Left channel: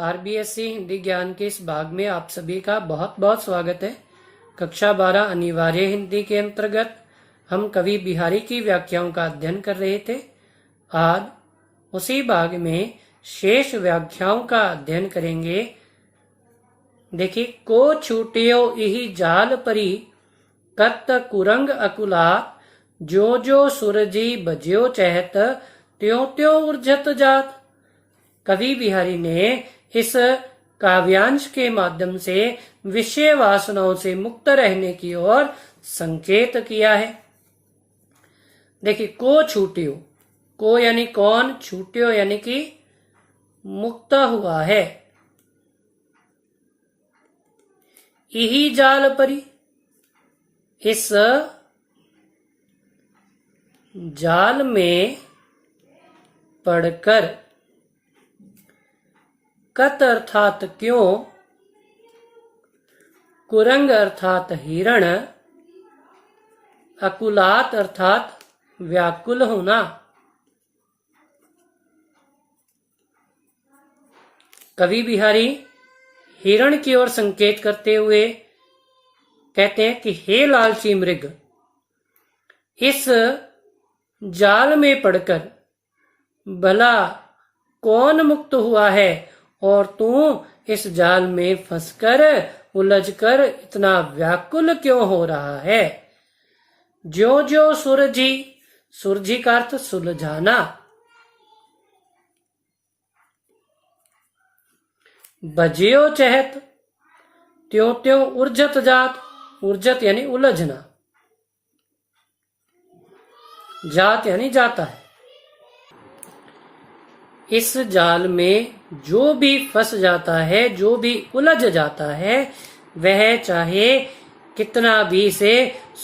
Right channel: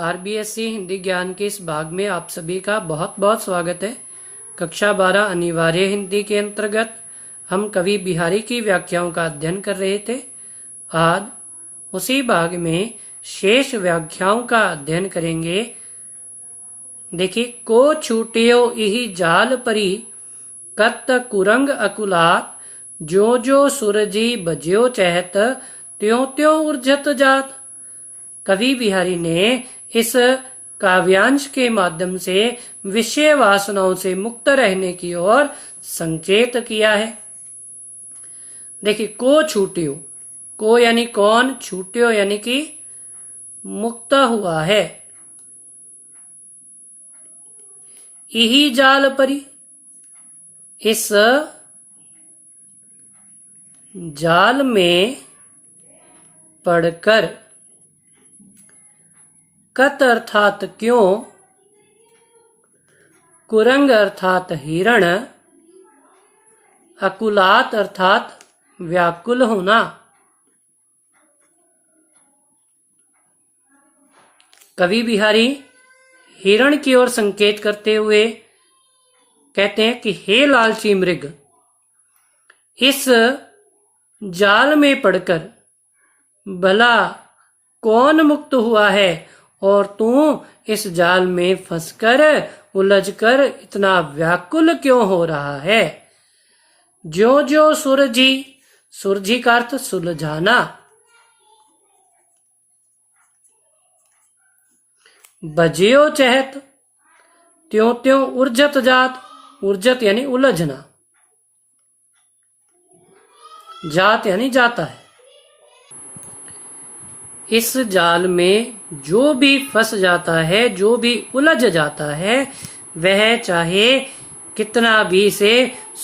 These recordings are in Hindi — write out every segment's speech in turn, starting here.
आरबीएससी हिंदी ज्ञान के इस भाग में आप सभी का बहुत बहुत स्वागत है। कक्षा 12 अनिवार्य हिंदी के अंतर्गत हम कवि बिहारी की व्याख्याओं का अध्ययन कर रहे थे। आज उसी भाग में शेष व्याख्याओं का अध्ययन करेंगे। देखिए, को छूटियो इहि जाल परी, कत कुरंग अकुला, जो जो सुरजी बज्यो चहत, त्यों त्यों उर्जत जात। कवि बिहारी ने इस काव्यांश के माध्यम से विषय वासनाओं से मुक्त रहने की ओर संकेत किया है। देखिए, को छूटियो, को यानी कौन, छूटियो यानी कि मुक्त हुआ है। इही जाल परी, इस जाल में पड़कर, कत अर्थात क्यों, कुरंग अर्थात हिरण, अकुलात अर्थात व्याकुल होना। कवि बिहारी हिरण की ओर संकेत करते हुए कहते हैं कि हे लालची मृग, इस जाल में पड़कर भला कौन मुक्त हुआ है और तू इस जाल में फंसकर उलझकर इतना व्याकुल क्यों हो रहा है। जो जो सुरजी, सुरजी का अर्थ सुलझाना, बजियो चहत, त्यों त्यों उर्जत जात, उर्जत यानी उलझना, जात यानी जाता है। इस जाल में जो भी फंस जाता है, जो भी उलझ जाता है, वह चाहे कितना भी इसे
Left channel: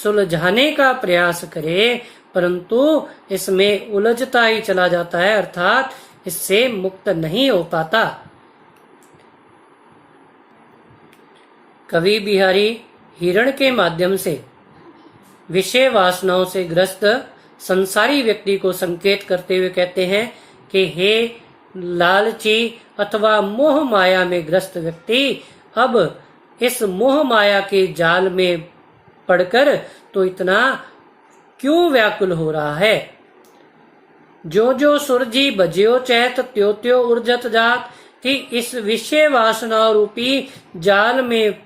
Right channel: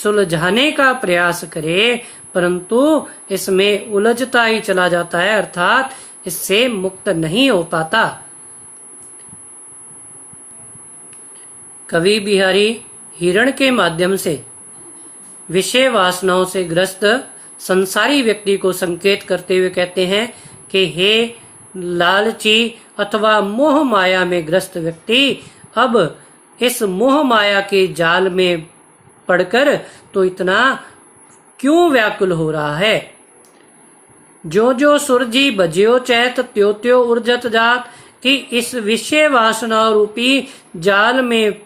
सुलझाने का प्रयास करे, परंतु इसमें उलझता ही चला जाता है, अर्थात इससे मुक्त नहीं हो पाता। कवि बिहारी हिरण के माध्यम से विषय वासनाओं से ग्रस्त संसारी व्यक्ति को संकेत करते हुए कहते हैं कि हे लालची अथवा मोह माया में ग्रस्त व्यक्ति, अब इस मोह माया के जाल में पड़कर तो इतना क्यों व्याकुल हो रहा है। जो जो सुरजी बज्यो चैत, त्यो त्यो उर्जत जात, कि इस विषय वासना रूपी जाल में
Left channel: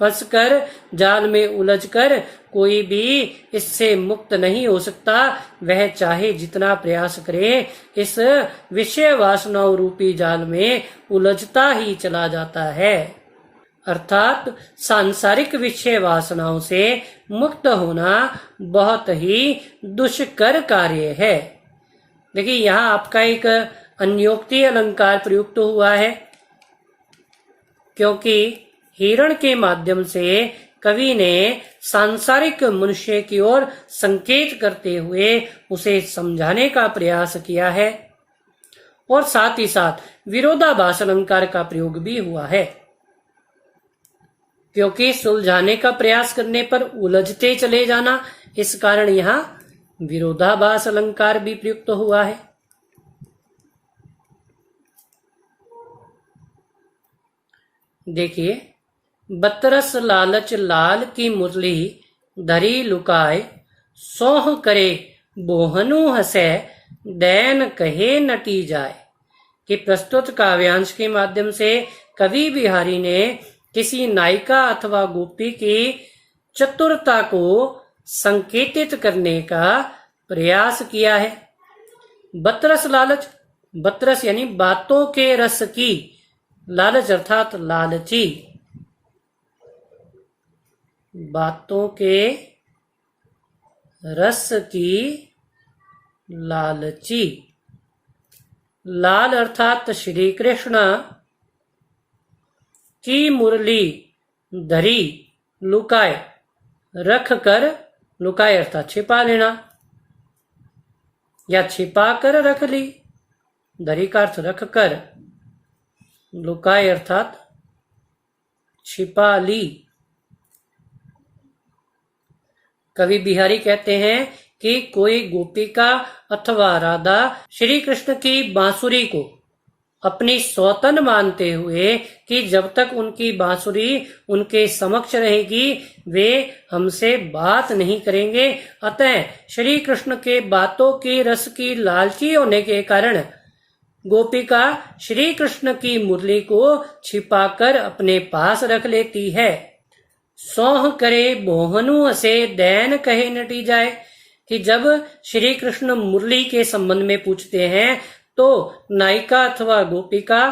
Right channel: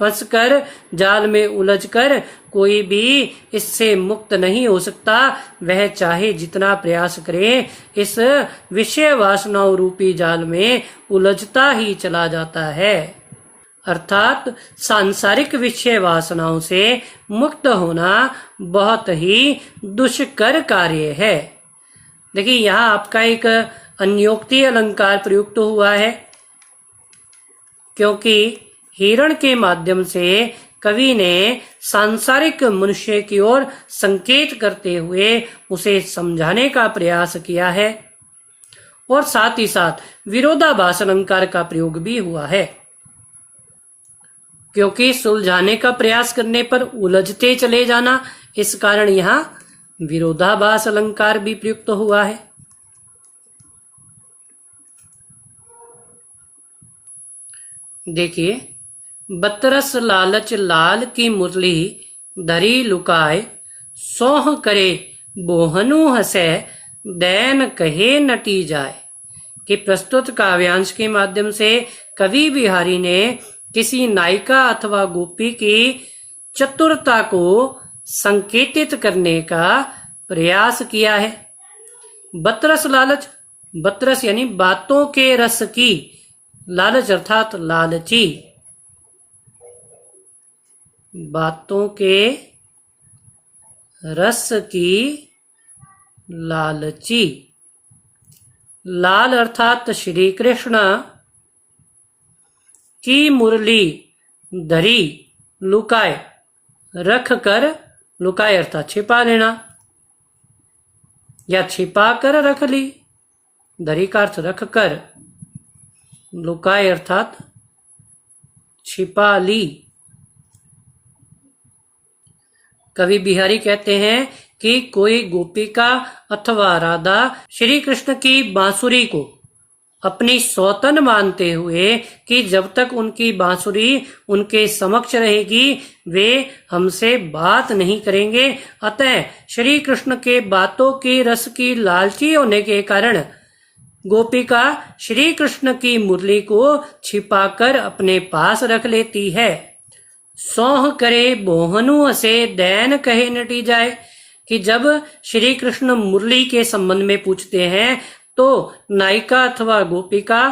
फंसकर, जाल में उलझकर कोई भी इससे मुक्त नहीं हो सकता। वह चाहे जितना प्रयास करे, इस विषय वासनाओं रूपी जाल में उलझता ही चला जाता है। अर्थात सांसारिक विषय वासनाओं से मुक्त होना बहुत ही दुष्कर कार्य है। देखिए, यहाँ आपका एक अन्योक्ति अलंकार प्रयुक्त हुआ है, क्योंकि हिरण के माध्यम से कवि ने सांसारिक मनुष्य की ओर संकेत करते हुए उसे समझाने का प्रयास किया है, और साथ ही साथ विरोधाभास अलंकार का प्रयोग भी हुआ है, क्योंकि सुलझाने का प्रयास करने पर उलझते चले जाना, इस कारण यहाँ विरोधाभास अलंकार भी प्रयुक्त हुआ है। देखिए, बतरस लालच लाल की मुरली, धरी लुकाए, सोह करे बोहनु हसे, दैन कहे नटी जाए। कि प्रस्तुत काव्यांश के माध्यम से कवि बिहारी ने किसी नायिका अथवा गोपी की चतुरता को संकेतित करने का प्रयास किया है। बतरस लालच, बतरस यानी बातों के रस की, लालच अर्थात लालची, बातों के रस की लालची। लाल अर्थात श्री कृष्ण की मुरली धरी, लुकाए, रख कर, लुकाए अर्थात छिपा लेना या छिपा कर रख ली, धरी का अर्थ रख कर, लुकाए अर्थात छिपा ली। कवि बिहारी कहते हैं कि कोई गोपिका अथवा राधा श्री कृष्ण की बांसुरी को अपनी सौतन मानते हुए कि जब तक उनकी बांसुरी उनके समक्ष रहेगी वे हमसे बात नहीं करेंगे। अतः श्री कृष्ण के बातों की रस की लालची होने के कारण गोपिका श्री कृष्ण की मुरली को छिपाकर अपने पास रख लेती है। सोह करे बोहनु असे दैन कहे नटी जाए, कि जब श्री कृष्ण मुरली के संबंध में पूछते हैं तो नायिका अथवा गोपिका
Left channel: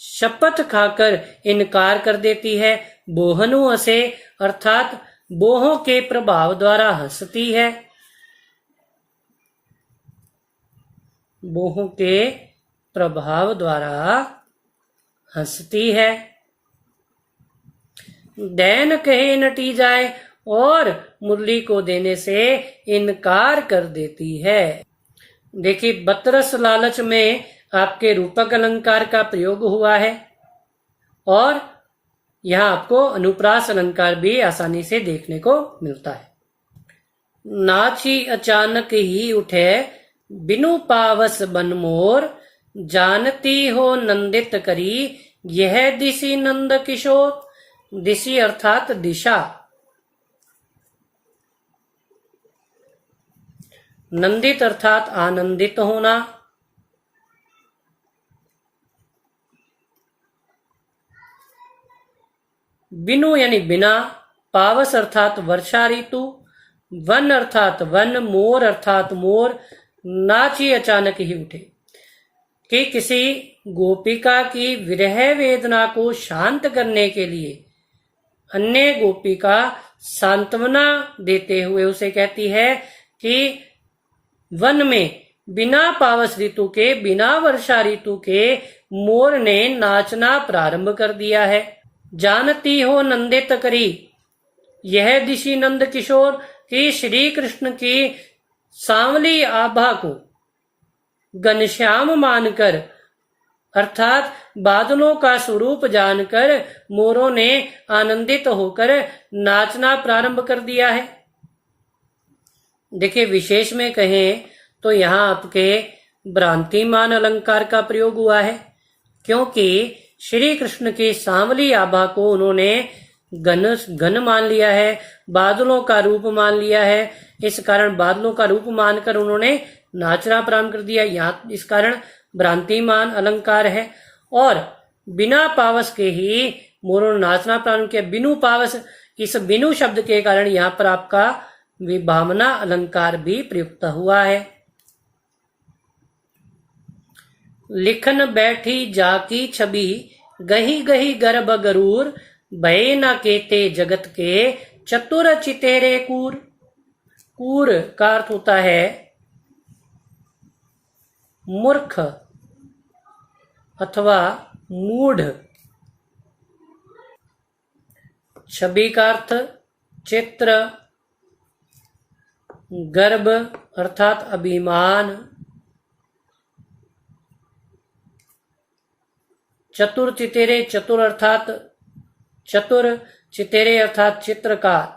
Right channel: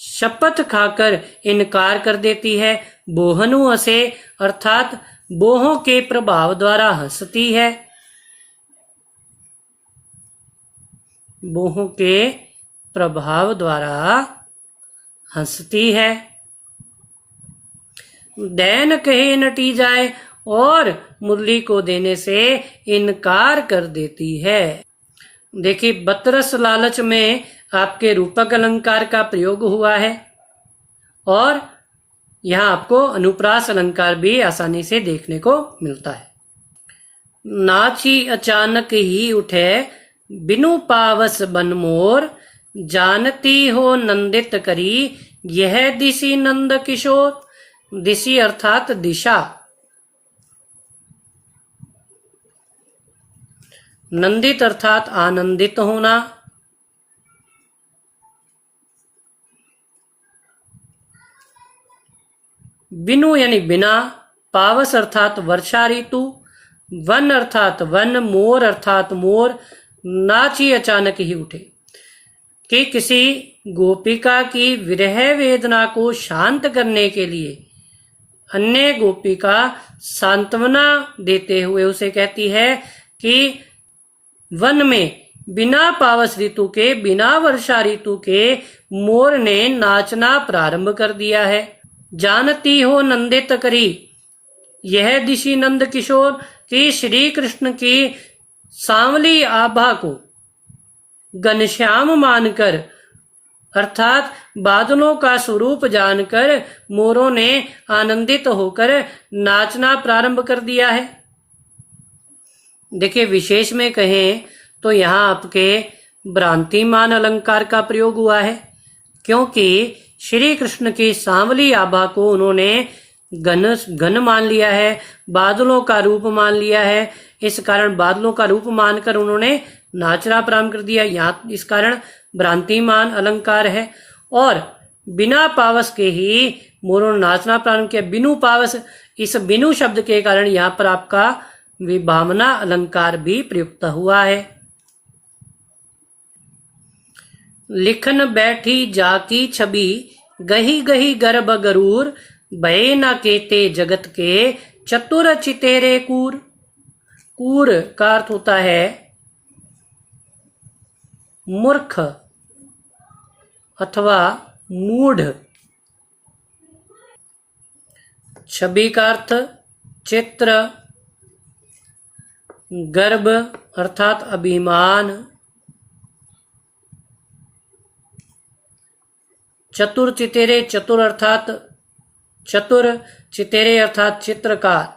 शपथ खाकर इनकार कर देती है। बोहनु असे अर्थात बोहों के प्रभाव द्वारा हंसती है। बोहों के प्रभाव द्वारा हंसती है। दैन कहे नटी जाए और मुरली को देने से इनकार कर देती है। देखिए, बतरस लालच में आपके रूपक अलंकार का प्रयोग हुआ है और यहाँ आपको अनुप्रास अलंकार भी आसानी से देखने को मिलता है। नाची अचानक ही उठे बिनु पावस बन मोर, जानती हो नंदित करी यह दिशि नंद किशोर। दिशि अर्थात दिशा, नंदित अर्थात आनंदित होना। बिनु यानी बिना, पावस अर्थात वर्षा ऋतु, वन अर्थात वन, मोर अर्थात मोर। नाची अचानक ही उठे, कि किसी गोपिका की विरह वेदना को शांत करने के लिए अन्य गोपिका सांत्वना देते हुए उसे कहती है कि वन में बिना पावस ऋतु के, बिना वर्षा ऋतु के मोर ने नाचना प्रारंभ कर दिया है। जानती हो नंदित करी यह दिशि नंद किशोर, कि श्री कृष्ण की सांवली आभा को घनश्याम मानकर अर्थात बादलों का स्वरूप जानकर मोरों ने आनंदित होकर नाचना प्रारंभ कर दिया है। देखिए, विशेष में कहें तो यहाँ आपके भ्रांतिमान अलंकार का प्रयोग हुआ है, क्योंकि श्री कृष्ण की सांवली आभा को उन्होंने घन मान लिया है, बादलों का रूप मान लिया है। इस कारण बादलों का रूप मानकर उन्होंने नाचना प्रारंभ कर दिया। यहाँ इस कारण भ्रांतिमान अलंकार है। और बिना पावस के ही मोरों ने नाचना प्रारंभ किया। बिनु पावस, इस बिनु शब्द के कारण यहाँ पर आपका विभावना अलंकार भी प्रयुक्त हुआ है। लिखन बैठी जाकी छवि गही गही गर्भ गरूर, भय न केते जगत के चतुर चितेरे कूर। कूर का अर्थ होता है मूर्ख अथवा मूढ़। छवि का अर्थ चित्र, गर्भ अर्थात अभिमान, चतुर चितेरे, चतुर अर्थात चतुर, चितेरे अर्थात चित्रकार।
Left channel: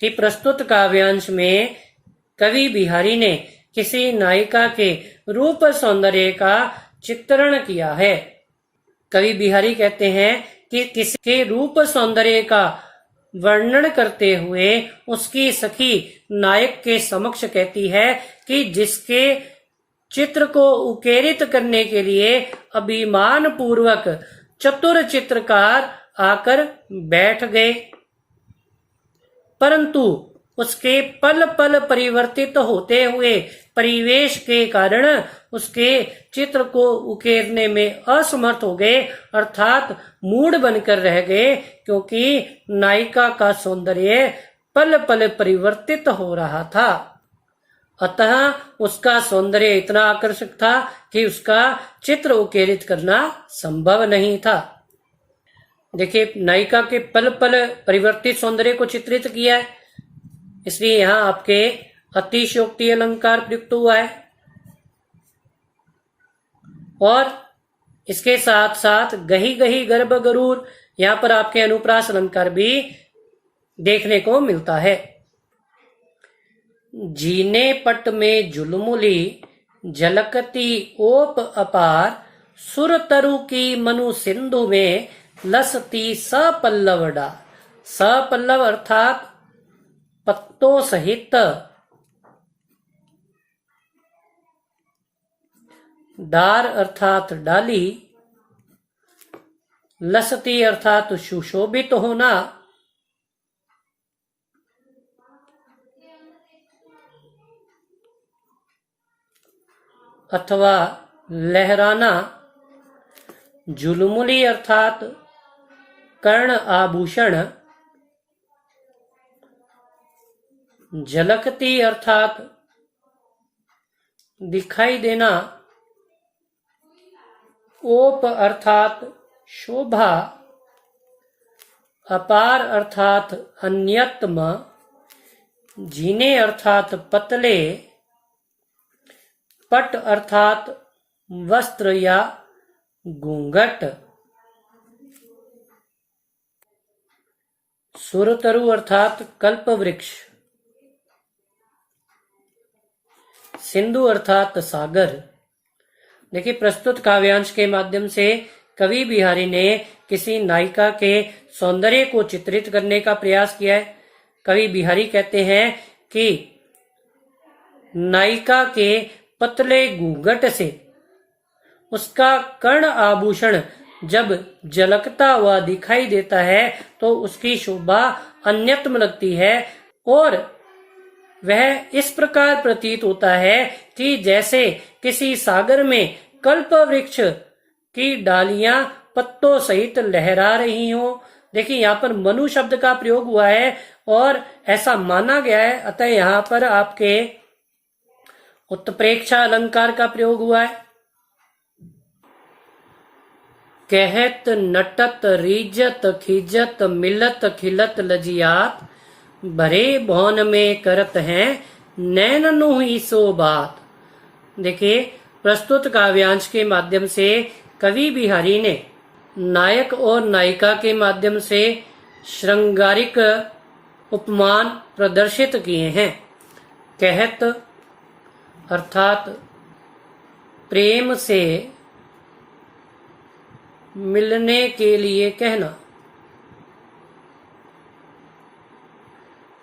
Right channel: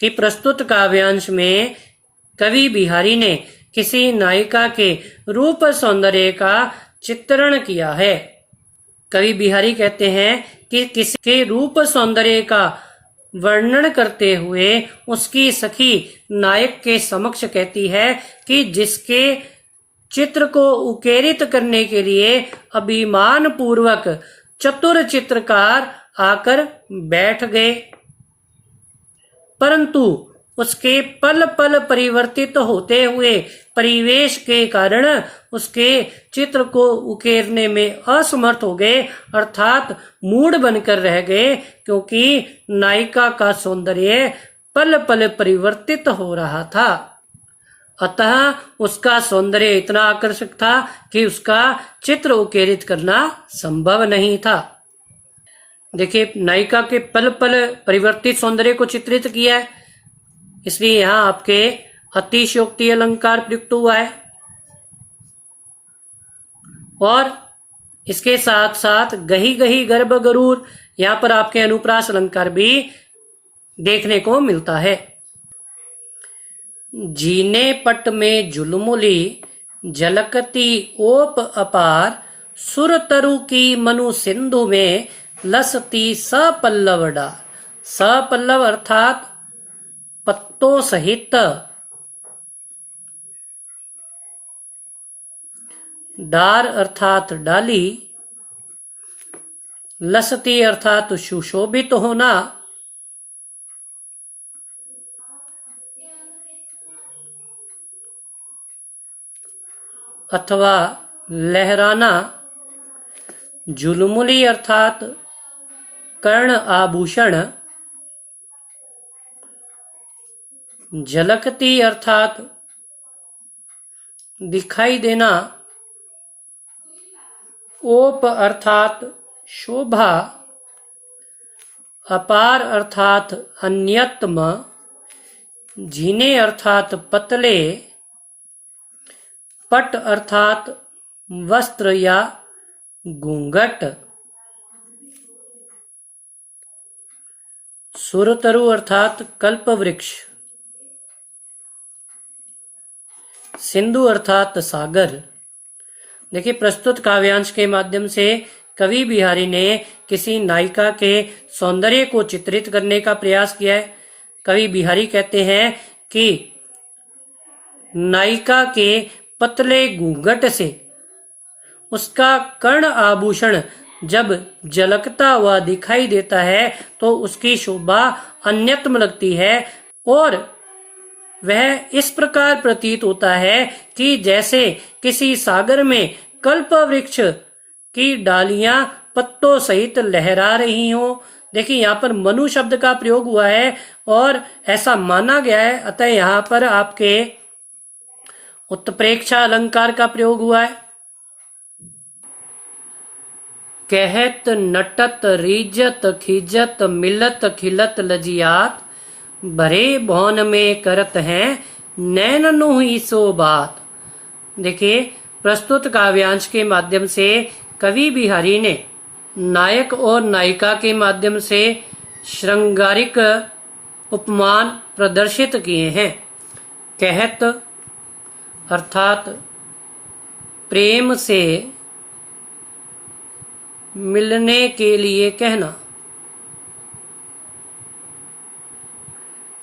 कि प्रस्तुत काव्यांश में कवि बिहारी ने किसी नायिका के रूप सौंदर्य का चित्रण किया है। कवि बिहारी कहते हैं कि किसी के रूप सौंदर्य का वर्णन करते हुए उसकी सखी नायक के समक्ष कहती है कि जिसके चित्र को उकेरित करने के लिए अभिमान पूर्वक चतुर चित्रकार आकर बैठ गए, परंतु उसके पल पल परिवर्तित होते हुए परिवेश के कारण उसके चित्र को उकेरने में असमर्थ हो गए, अर्थात मूढ़ बनकर रह गए, क्योंकि नायिका का सौंदर्य पल पल परिवर्तित हो रहा था। अतः उसका सौंदर्य इतना आकर्षक था कि उसका चित्र उकेरित करना संभव नहीं था। देखिए, नायिका के पल पल परिवर्तित सौंदर्य को चित्रित किया है, इसलिए यहाँ आपके अतिशयोक्ति अलंकार प्रयुक्त हुआ है। और इसके साथ साथ गही गही गर्भ गरूर, यहाँ पर आपके अनुप्रास अलंकार भी देखने को मिलता है। जीने पट में जुलमुली झलकती ओप अपार, सुर तरु की मनु सिंधु में, लसती सपल्लव डार। सपल्लव अर्थात पत्तों सहित, डार अर्थात डाली, लसती अर्थात सुशोभित होना, अथवा लहराना, झुलमुली अर्थात कर्ण आभूषण, झलकती अर्थात दिखाई देना, ओप अर्थात शोभा, अपार अर्थात अन्यतम, झीने अर्थात पतले, पट अर्थात वस्त्र या घूंघट, सुरतरु अर्थात कल्प वृक्ष, सिंधु अर्थात सागर। देखिए, प्रस्तुत काव्यांश के माध्यम से कवि बिहारी ने किसी नायिका के सौंदर्य को चित्रित करने का प्रयास किया है। कवि बिहारी कहते हैं कि नायिका के पतले घूंघट से उसका कर्ण आभूषण जब झलकता हुआ दिखाई देता है तो उसकी शोभा अन्यतम लगती है, और वह इस प्रकार प्रतीत होता है कि जैसे किसी सागर में कल्प वृक्ष की डालियां पत्तों सहित लहरा रही हो। देखिए, यहाँ पर मनु शब्द का प्रयोग हुआ है और ऐसा माना गया है, अतः यहाँ पर आपके उत्प्रेक्षा अलंकार का प्रयोग हुआ है। कहत नटत रीजत खिजत मिलत खिलत लजियात, भरे भौन में करत हैं नैन नुहि सो बात। देखिए, प्रस्तुत काव्यांश के माध्यम से कवि बिहारी ने नायक और नायिका के माध्यम से श्रृंगारिक उपमान प्रदर्शित किए हैं। कहत अर्थात प्रेम से मिलने के लिए कहना,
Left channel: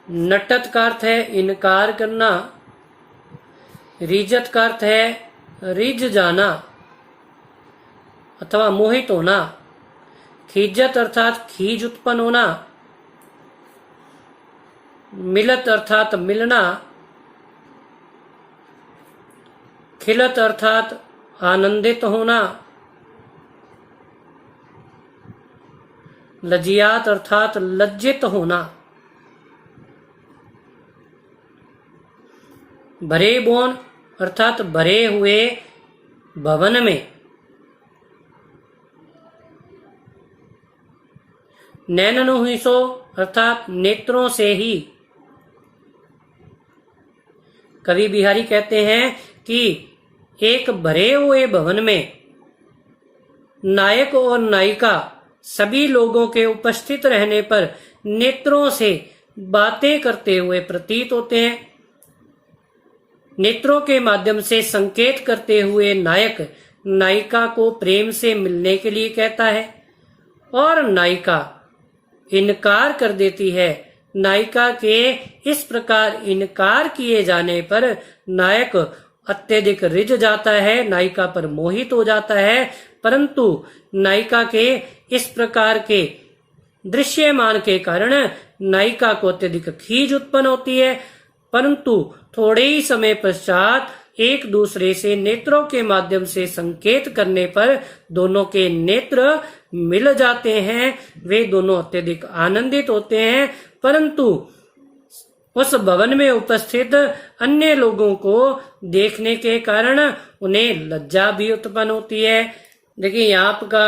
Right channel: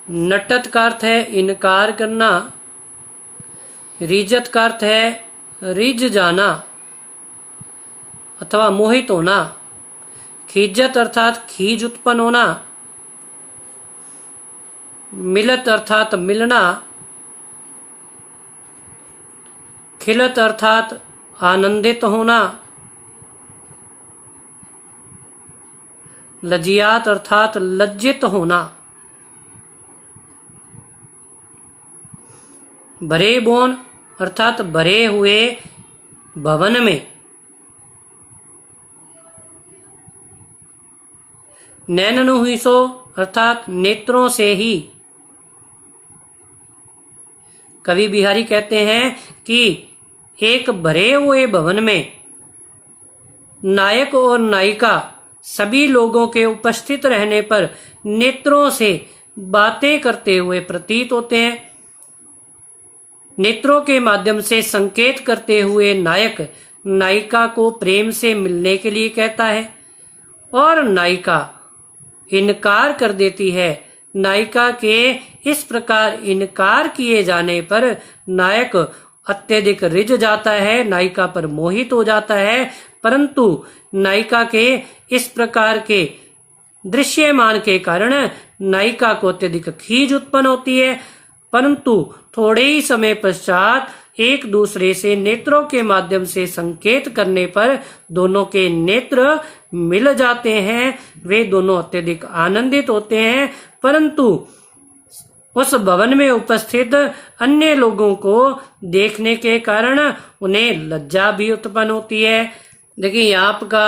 नटत का अर्थ है इनकार करना, रिजत का अर्थ है रिझ जाना अथवा मोहित होना, खिजत अर्थात खीज उत्पन्न होना, मिलत अर्थात मिलना, खिलत अर्थात आनंदित होना, लजियात अर्थात लज्जित होना, भरे भवन अर्थात भरे हुए भवन में, नैननु हुई सो अर्थात नेत्रों से ही। कवि बिहारी कहते हैं कि एक भरे हुए भवन में नायक और नायिका सभी लोगों के उपस्थित रहने पर नेत्रों से बातें करते हुए प्रतीत होते हैं। नेत्रों के माध्यम से संकेत करते हुए नायक नायिका को प्रेम से मिलने के लिए कहता है और नायिका इनकार कर देती है। नायिका के इस प्रकार इनकार किए जाने पर नायक अत्यधिक रिझ जाता है, नायिका पर मोहित हो जाता है, परंतु नायिका के इस प्रकार के दृश्यमान के कारण नायिका को अत्यधिक खीज उत्पन्न होती है, परंतु थोड़े ही समय पश्चात एक दूसरे से नेत्रों के माध्यम से संकेत करने पर दोनों के नेत्र मिल जाते हैं। वे दोनों अत्यधिक आनंदित होते हैं, परंतु उस भवन में उपस्थित अन्य लोगों को देखने के कारण उन्हें लज्जा भी उत्पन्न होती है। देखिए, यहाँ आपका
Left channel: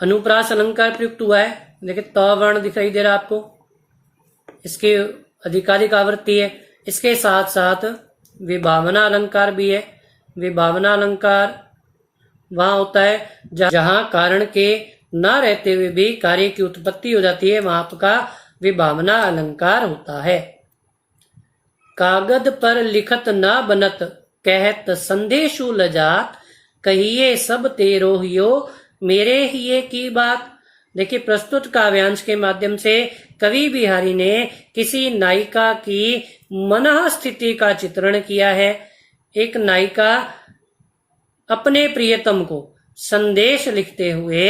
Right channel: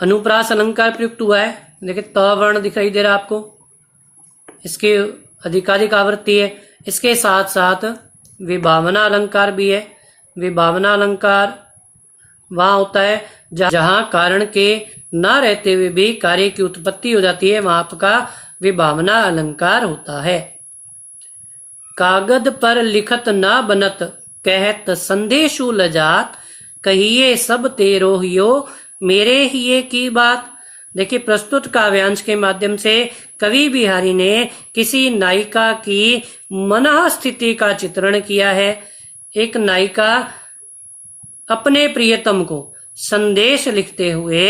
अनुप्रास अलंकार प्रयुक्त हुआ है। देखिए, त वर्ण दिखाई दे रहा है आपको, इसकी अधिकारिक आवृत्ति है। इसके साथ साथ विभावना अलंकार भी है। विभावना अलंकार वहां होता है जहां कारण के न रहते हुए भी कार्य की उत्पत्ति हो जाती है, वहां आपका विभावना अलंकार होता है। कागद पर लिखत न बनत कहत संदेशु लजात, कहिए सब तेरो हियो, मेरे हिये की बात। देखिए, प्रस्तुत काव्यांश के माध्यम से कवि बिहारी ने किसी नायिका की मनः स्थिति का चित्रण किया है। एक नायिका अपने प्रियतम को संदेश लिखते हुए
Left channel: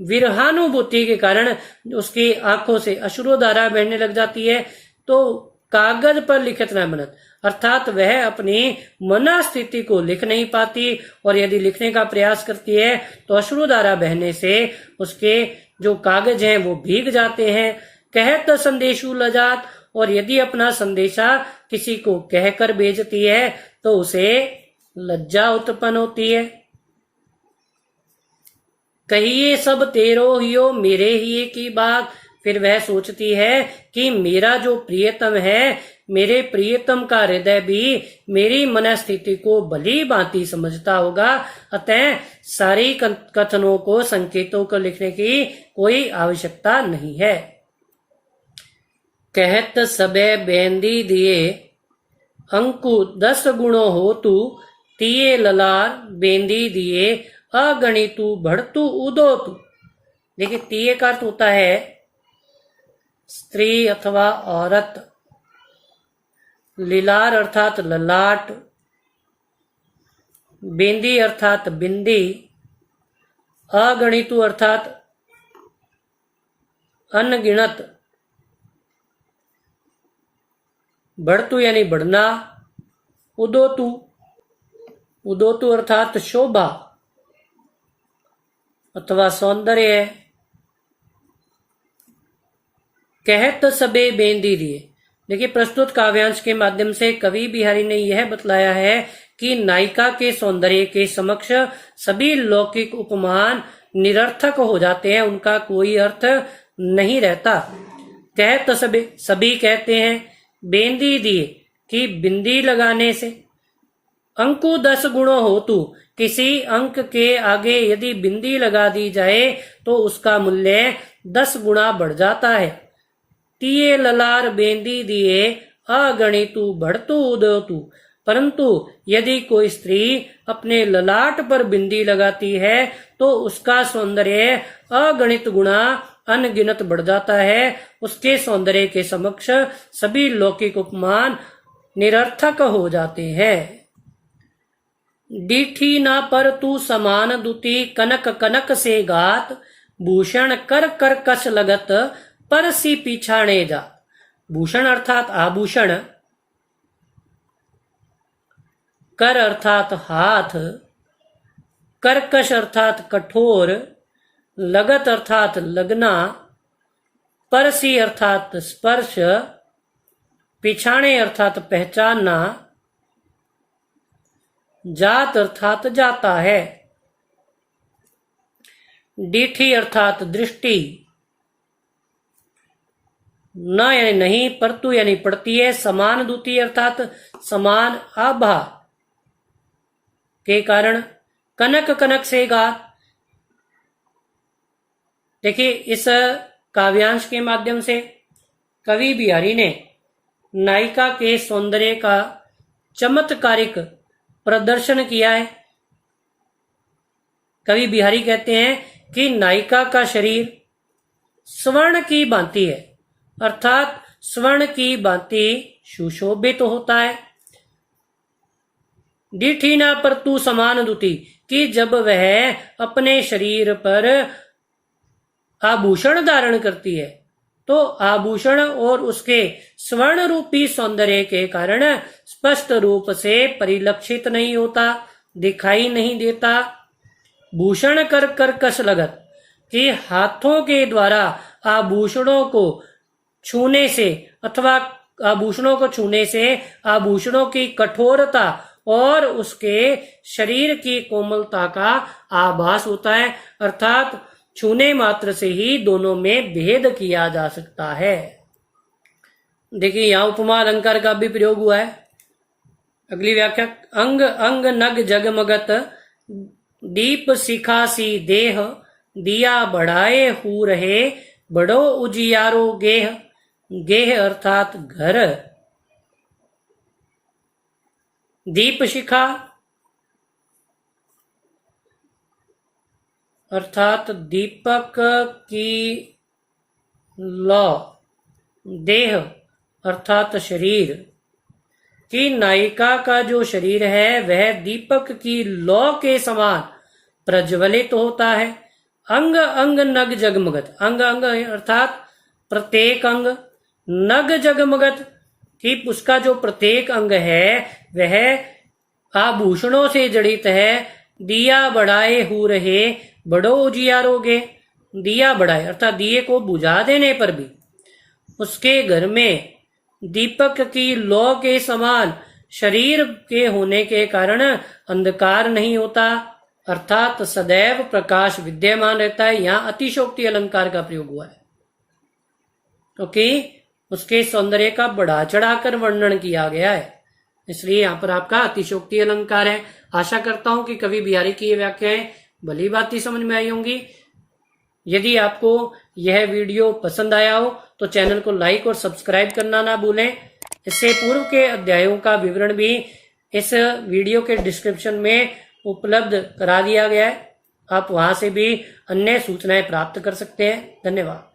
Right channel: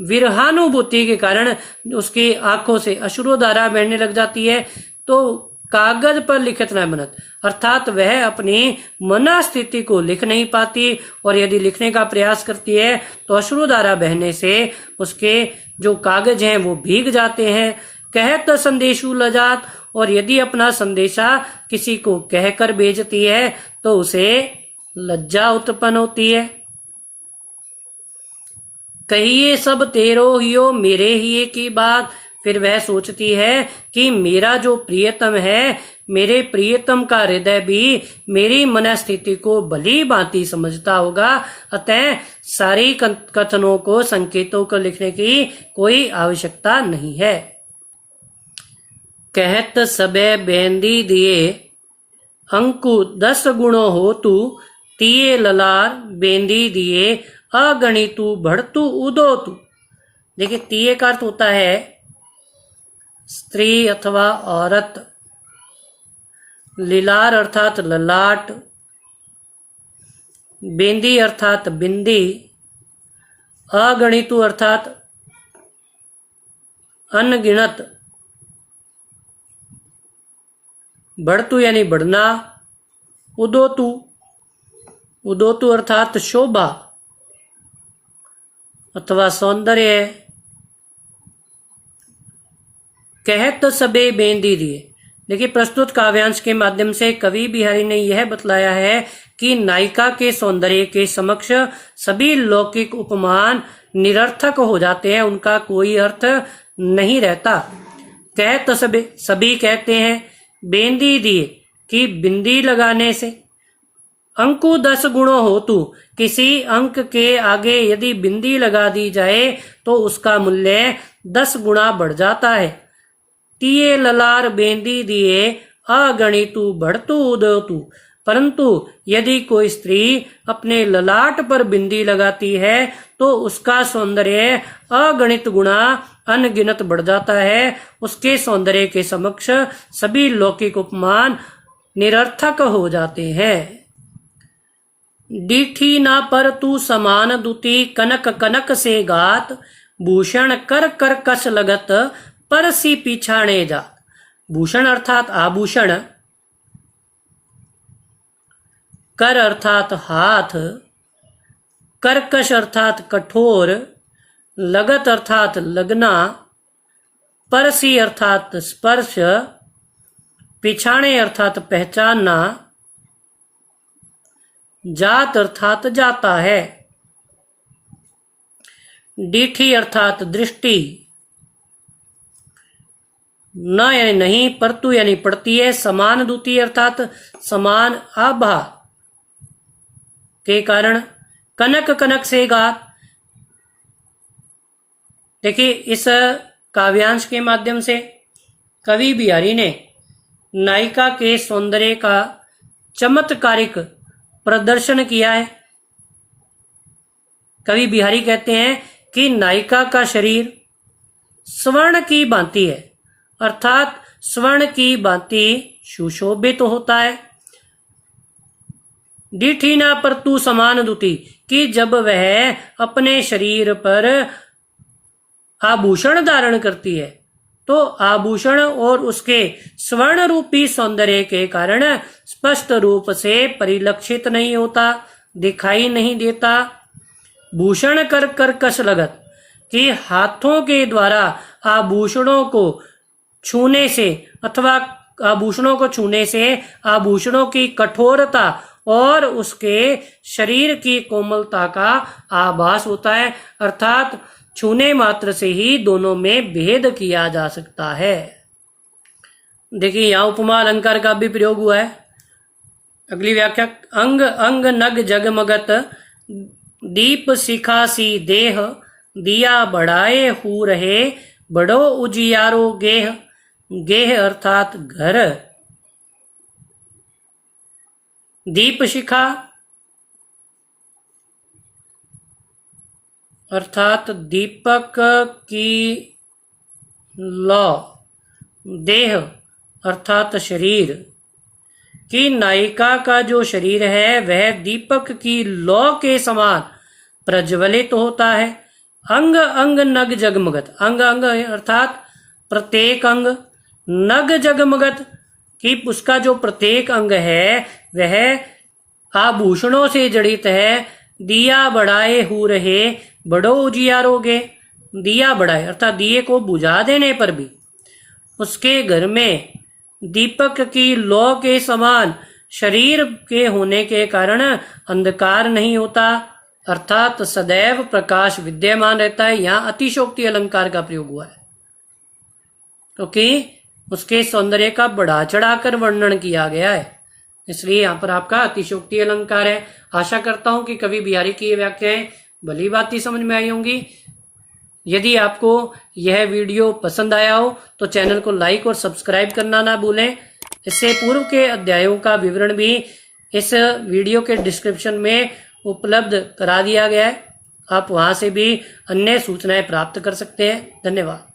विरहानुभूति के कारण उसकी आंखों से अश्रुधारा बहने लग जाती है, तो कागज पर लिखत न बनत, अर्थात वह अपनी मनः स्थिति को लिख नहीं पाती, और यदि लिखने का प्रयास करती है तो अश्रुधारा बहने से उसके जो कागज हैं वो भीग जाते हैं। कहत संदेशु लजात, और यदि अपना संदेशा किसी को कहकर भेजती है तो उसे लज्जा उत्पन्न होती है। कहिए सब तेरो हियो, मेरे हिये की बात। फिर वह सोचती है कि मेरा जो प्रियतम है, मेरे प्रियतम का हृदय भी मेरी मनस्थिति को भली भांति समझता होगा, अतः सारी कथनों को, संकेतों को लिखने की कोई आवश्यकता नहीं है। कहत सबे बेंदी दिए, अंकु 10 गुणों हो तू, तिये ललार बेंदी दिए, अगणितु बढ़तु उदो तू। देखिए, तिये का अर्थ होता है स्त्री अथवा औरत, लीलार अर्थात ललाट, बेंदी अर्थात बिंदी, अगणितु अर्थात अनगिनत, बढ़तु यानी बढ़ना, उदोतु, उदोतु अर्थात शोभा अथवा सौंदर्य। कहत तो सबे बेंदी दिए। देखिए, प्रस्तुत काव्यांश के माध्यम से कवि बिहारी ने यह बतलाया है कि नायिका के सौंदर्य के समक्ष सभी लौकिक उपमान निरर्थक हो जाते हैं, उनका कोई अर्थ नहीं रहता। कहत तो सभी कहते हैं बेंदी दिए कि बिंदी लगाने से, अंकु 10 गुणों हो तू, किसी अंक के आगे यदि बिंदी लगा दी जाए तो उसका मूल्य 10 गुणा बढ़ जाता है। तिये ललार बेंदी दिए, अगणितु बढ़तु उदयतु। परंतु यदि कोई स्त्री अपने ललाट पर बिंदी लगाती है तो उसका सौंदर्य अगणित गुणा अनगिनत बढ़ जाता है। उसके सौंदर्य के समक्ष सभी लौकिक उपमान निरर्थक हो जाते हैं। डीठी ना पर तू समान दुती, कनक कनक से गात, भूषण कर कर कस लगत, परसी पिछाणे जात। भूषण अर्थात आभूषण, कर अर्थात हाथ, कर्कश अर्थात कठोर, लगत अर्थात लगना, परसी अर्थात स्पर्श, पिछाणे अर्थात पहचानना, जात अर्थात जाता है। डीठी अर्थात दृष्टि, न यानी नहीं, परतु यानी पड़ती है, समान दूती अर्थात समान आभा के कारण, कनक कनक से गात। देखिए, इस काव्यांश के माध्यम से कवि बिहारी ने नायिका के सौंदर्य का चमत्कारिक प्रदर्शन किया है। कवि बिहारी कहते हैं कि नायिका का शरीर स्वर्ण की भांति है, अर्थात स्वर्ण की भांति सुशोभित होता है। डीठीना पर तू समान दुती, कि जब वह अपने शरीर पर आभूषण धारण करती है तो आभूषण और उसके स्वर्ण रूपी सौंदर्य के कारण स्पष्ट रूप से परिलक्षित नहीं होता, दिखाई नहीं देता। भूषण कर कर कस लगत, कि हाथों के द्वारा आभूषणों को छूने से अथवा आभूषणों को छूने से आभूषणों की कठोरता और उसके शरीर की कोमलता का आभास होता है, अर्थात छूने मात्र से ही दोनों में भेद किया जा सकता है। देखिए, यहाँ उपमा अलंकार का भी प्रयोग हुआ है। अगली व्याख्या, अंग अंग नग जगमगत, दीप शिखासी देह, दिया बढ़ाए हु रहे, बड़ो उजियारो गेह। गेह अर्थात घर। दीप शिखा अर्थात दीपक की लौ, देह अर्थात शरीर की नायिका का जो शरीर है वह दीपक की लौ के समान प्रज्वलित होता है। अंग अंग नग जगमगत, अंग अंग अर्थात प्रत्येक अंग, नग जगमगत कि उसका जो प्रत्येक अंग है वह आभूषणों से जड़ित है। दिया बढ़ाए हो रहे बड़ो उजियारोगे, दिया बढ़ाए अर्थात दिए को बुझा देने पर भी उसके घर में दीपक की लौ के समान शरीर के होने के कारण अंधकार नहीं होता, अर्थात सदैव प्रकाश विद्यमान रहता है। यहाँ अतिशोक्ति अलंकार का प्रयोग हुआ है क्योंकि उसके सौंदर्य का बढ़ा चढ़ाकर वर्णन किया गया है, इसलिए यहाँ पर आपका अतिशोक्ति अलंकार है। आशा करता हूं कि कवि बिहारी की ये व्याख्याएं भली भांति समझ में आई होंगी। यदि आपको यह वीडियो पसंद आया हो तो चैनल को लाइक और सब्सक्राइब करना ना भूलें। इससे पूर्व के अध्यायों का विवरण भी इस वीडियो के डिस्क्रिप्शन में उपलब्ध करा दिया गया है, आप वहां से भी अन्य सूचनाएं प्राप्त कर सकते हैं। धन्यवाद।